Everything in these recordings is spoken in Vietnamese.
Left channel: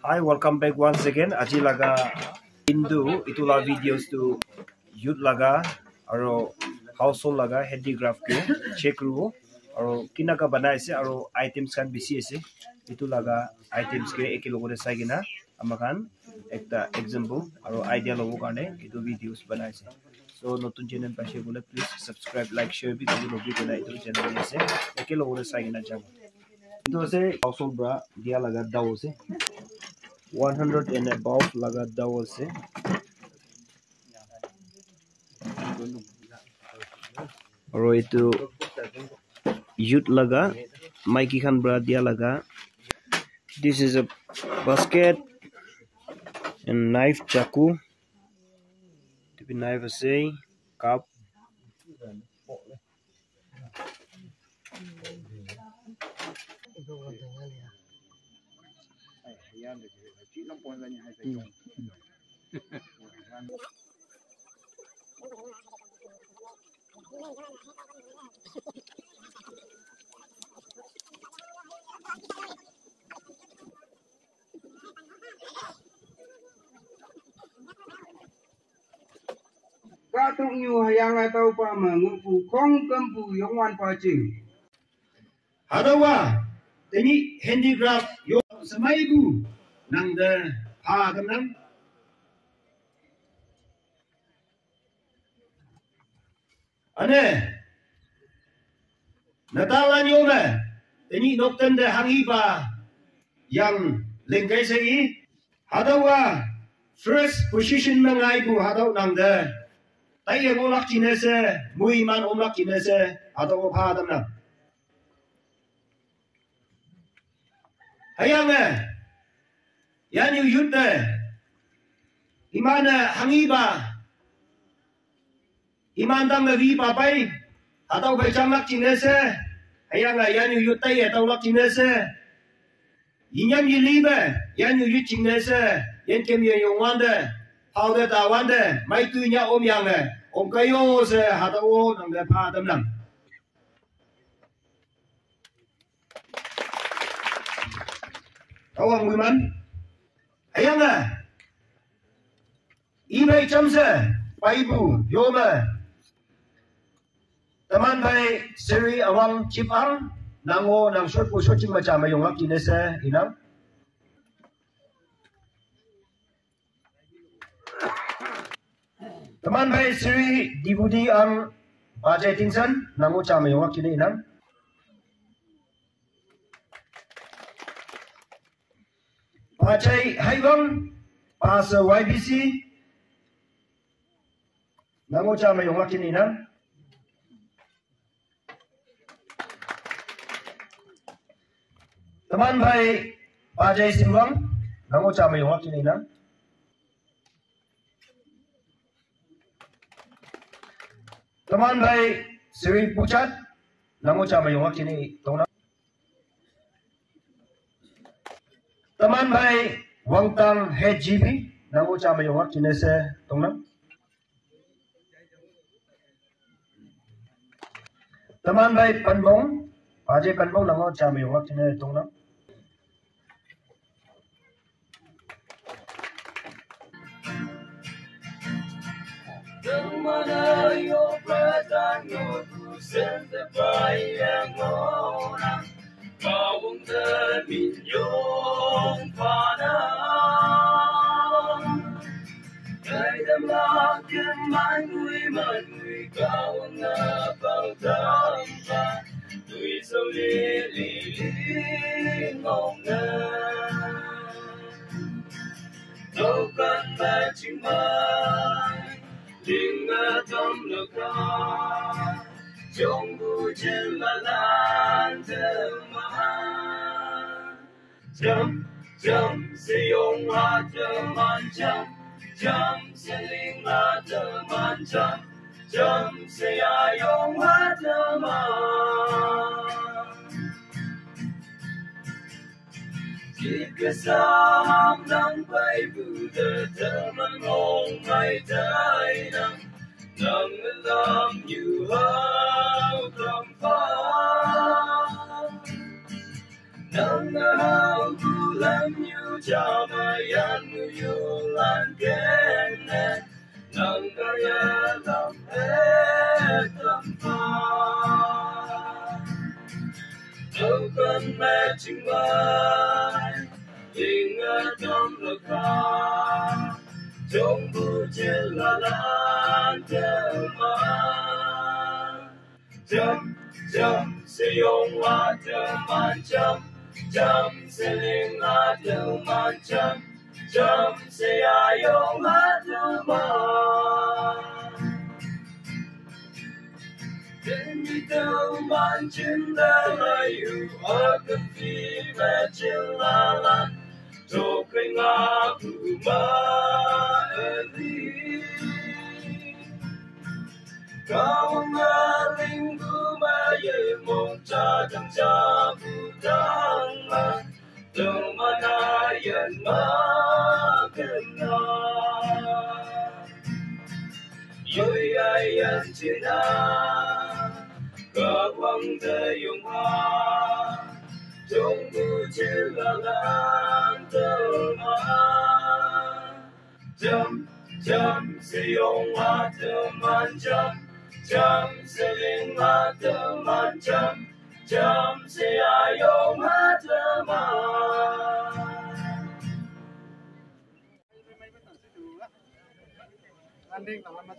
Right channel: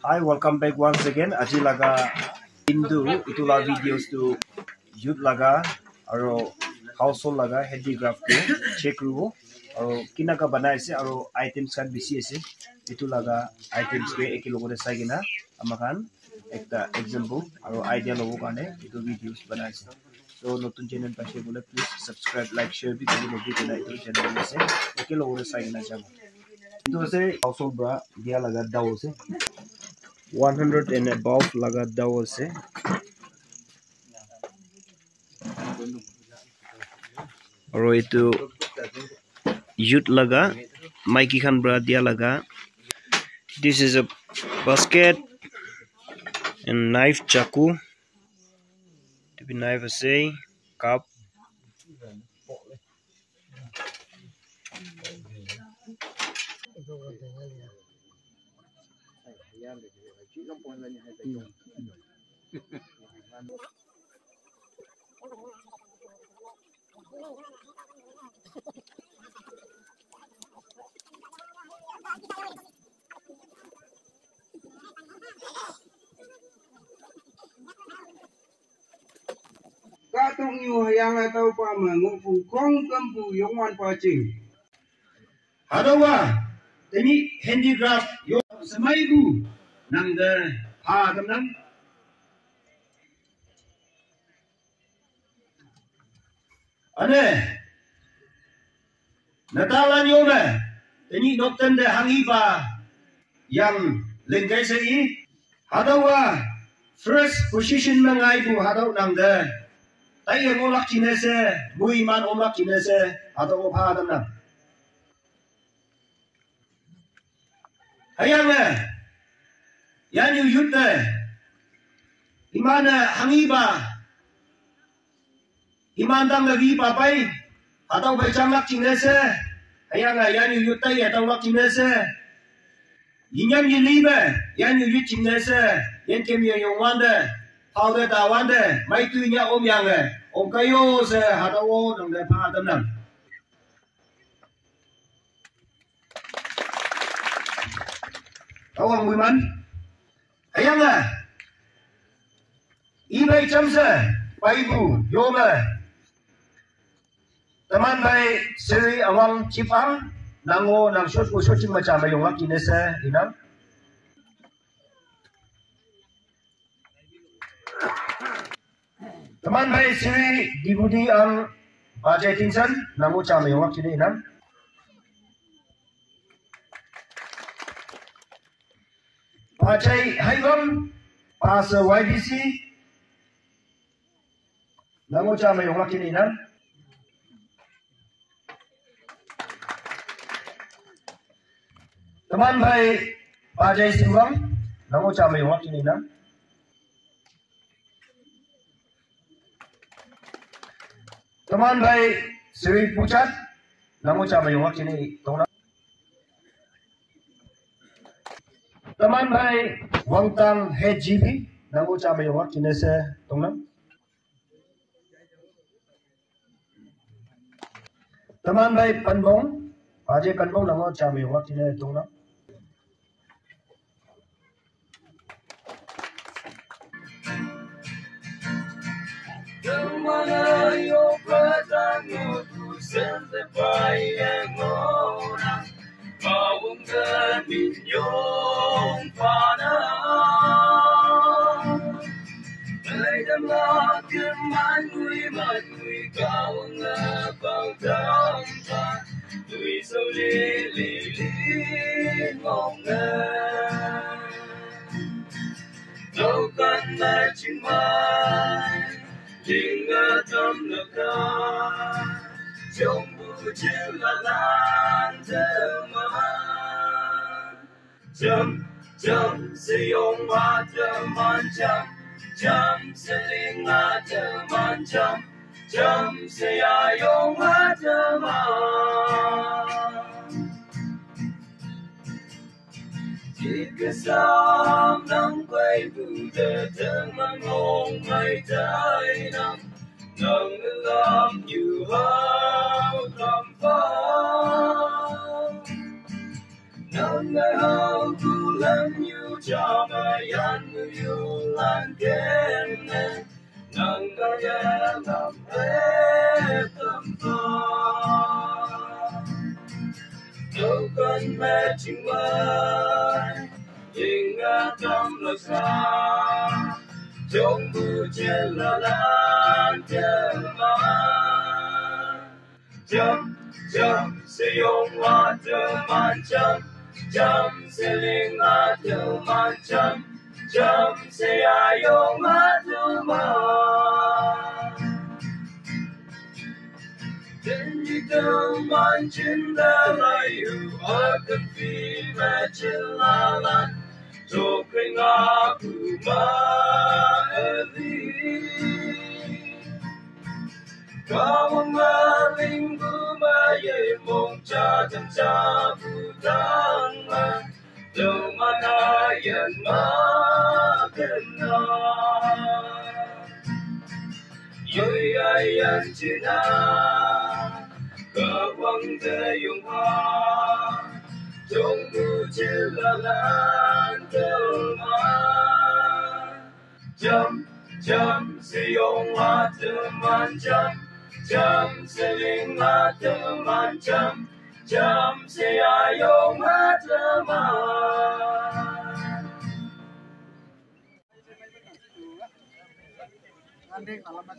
Hi, welcome back once again. Aji laga Hindu itula videos to youth laga aro household laga handicraft ko check rubo aro kina ka banai ase aro items kan bisi ase itu laga items ke ekilogore sagina amakan ekta example aro idea lobo karne itu videos banai ase. So notun channel pa share bole please subscribe like share bi tabi lobi kena itu channel ase ekilogore sagina jamo. Itu ase household bra dia laga daw ase 100 and above laga daw ase aro itu youth laga maiki khan bra dia laga. This is a basket and knife chaku to be knife ase cup Các tung nhu yang atau pa mengupu kong kempu yongwan pa cing. Hadawa, ini handicraft yo semai bu nang de ha teman. Ane, natalan yo na, ini dokter de hangi pa yang lengkai sei. Hadawa, first position mengai bu hadaw nang de. Tay yang olak cinese, muiman olak cinese, atau apa teman? Hayang yan yuyut imana hangiba, imandang nabi papai, atau bercamak cinese, hayang yan yuyut atau olak cinese, inyam yiliba, yan yuyut cinese, yan kemia yung wanda. Hao de ta wan de mai tu nya om yang om kayo se ha ta o nang de pa tam nam awang wiman ayang i bai cham se pai bu yo ma taman bai seri awang chipang nango nang shot ko shot chim ma cha ma yong lak ki ne se inang teman baik siri dibudi ang Bajai Tinsan nangu cam yang waktu ini nan. Bajai Haibam pas YBC nangu cam yang waktu ini nan. Teman baik Bajai Simbang nangu cam yang waktu ini nan. Teman baik Sri Pucat namu cabai yang waktu ini tona. Teman baik Wangtang HGB namu cabai yang waktu ini se tona. Teman baik Panbong Ajay Panbong namu cabai yang waktu ini tona. Mana yo pratano tu sente pai ngona kawung de minyong pana dai dam la ke mai ngui kawung bao dang pa tui so li ngong na đâu cần mai chim mai tình tâm lực ca trong bu trên là lan thơm chấm chấm sẽ yong hoa thơm man chấm sẽ linh hoa thơm man chấm sẽ yong hoa thơm chỉ cứ sam nắng quay vụ đời thơm ngon mây trái nắng nắng làm như hao cầm phá nắng hao tu làm như yu cha ma yan yu lan ken nang ga ya lam e tâm pha đâu cần mẹ chinh mai tình trong lời xa trong bu trên là lan theo mà chấm chấm sẽ用花的满chấm chấm sẽ linh花的满chấm chấm sẽ爱用花的满天地的满真的来有我跟飞在trên la lan cho cây ngã cụ ma đi cao ngã linh cụ ma ye mong cha chẳng cha phụ tăng ma đâu mà na yên ma cần na yoi ai yên trên na cả quang thế yung ha trong bu trên là lan tơ ma chấm chấm sẽ用花的满chấm chấm sẽ linh花的满chấm chấm sẽ爱用花的满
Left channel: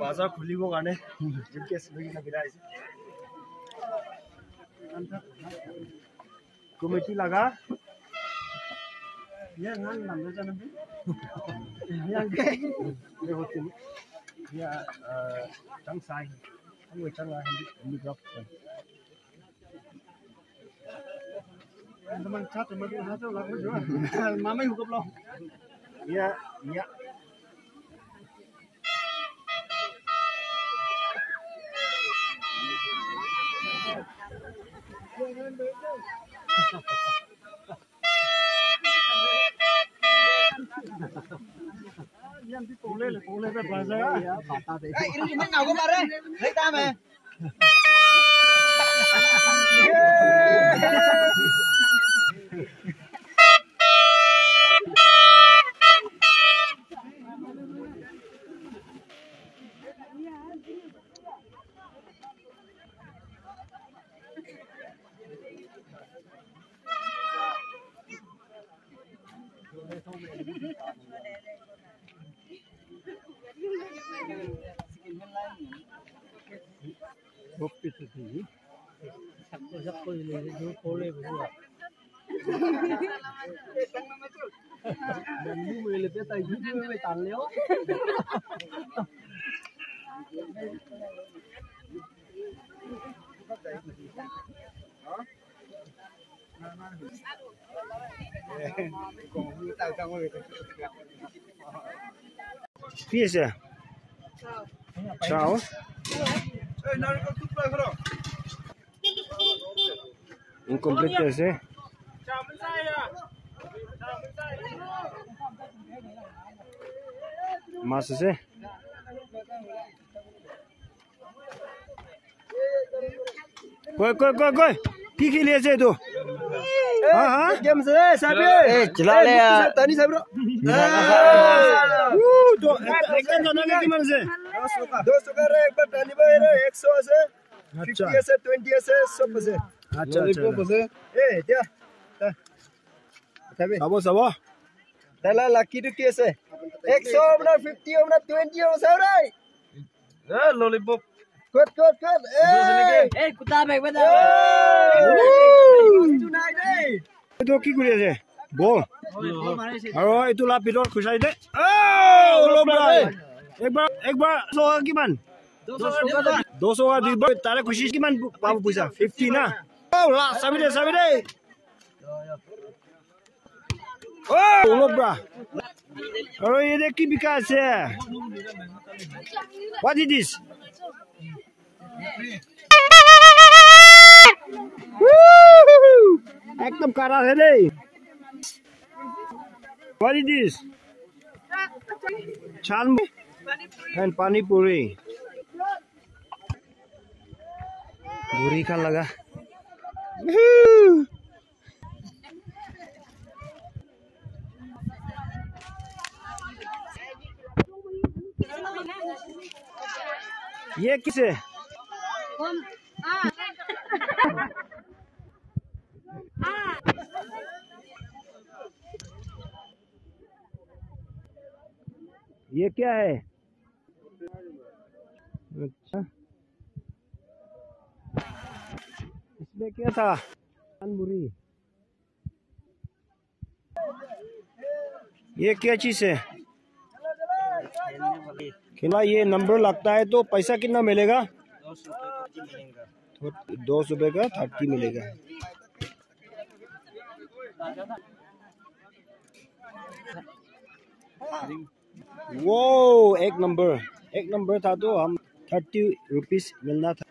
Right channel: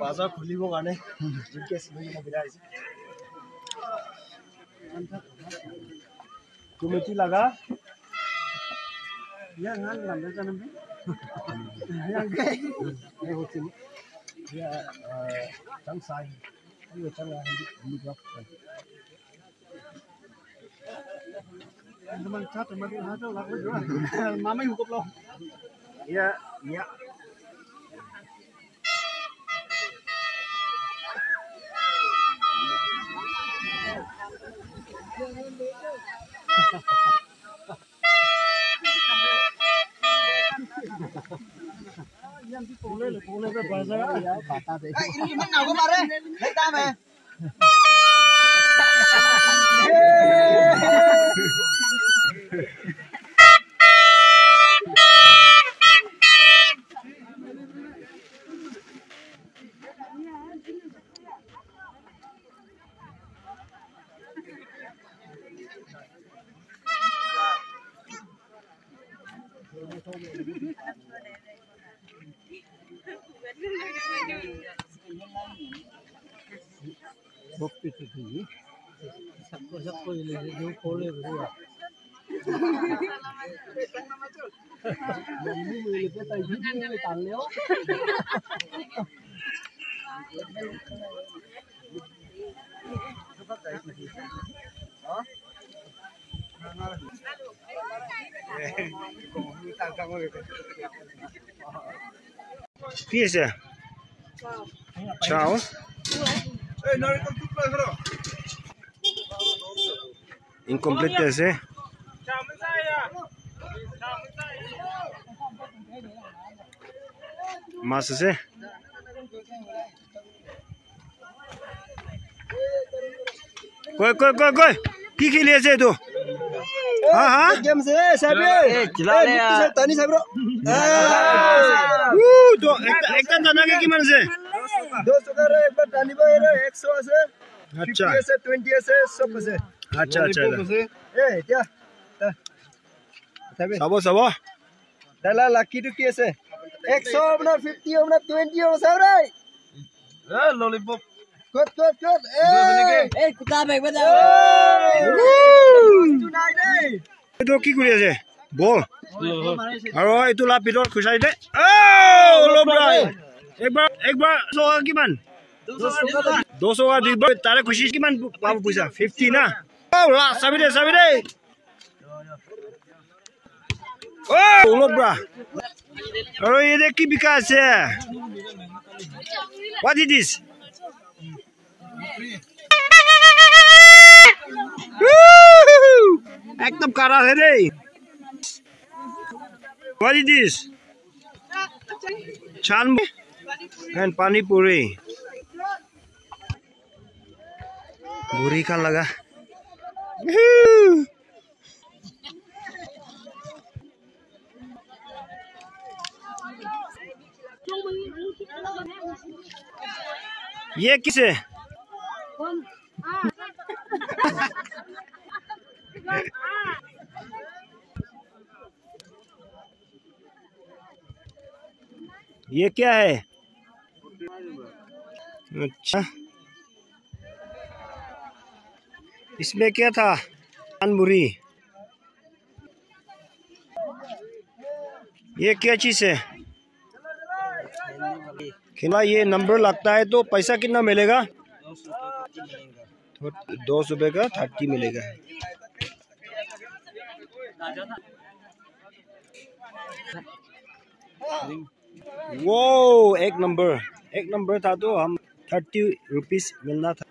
बाजार खुलिबो गाने जिनके लगी ना बिराय कमिटी लगा या ngan làm cho nó biết yang cái này hột chín ya trắng sai không người trắng là hindi drop teman chat teman itu hatu lagu juga mama hukum lo ya ya Yan thì pole về bazaar ya bata de. Ini cuma nào có mà đấy, lấy ta mà. Bukti tadi, siapa yang dia pole berdua. Dan ini boleh kita juga boleh tanleo. Fiesta. Ciao. Incomplete ese. Mas ese. कोई की खेलिए से तू हाँ हाँ Game से साहब चला ले यार तनी साहब तो एक जना के किमान से 200 का रे एक बार टानी भाई रे 100 से अच्छा 50 से 20 से 100 से अच्छा ए क्या साहब सबो डाला लकी टू कैसे 100 अपना 50 अपना 20 और साहब रे lollipop Good. Eh, kuta baik betul. Tonight, eh. itu কি কৰি আছে বল আৰু এইটো লা পিটৰ খুচাই দে ও লবৰাই একবাৰ সোৱা কিমান 200 का দিব তাৰে খুচি কিমান পাব পইচা 50 না ও লা চাবি দে ও লবৰা আৰু এনে কি বিকা আছে what is this एकदम कारा है रे what is this chan and pani puri buri kan laga ये किसे? ये क्या है? अच्छा, इसमें क्या था? पानपुरी। ये क्या चीज है? खिला। ये नंबर लगता है तो पैसा कितना मिलेगा? 200 रुपये का 30 मिलेगा। वो एक नंबर था तो हम 30 रुपीस मिलना था।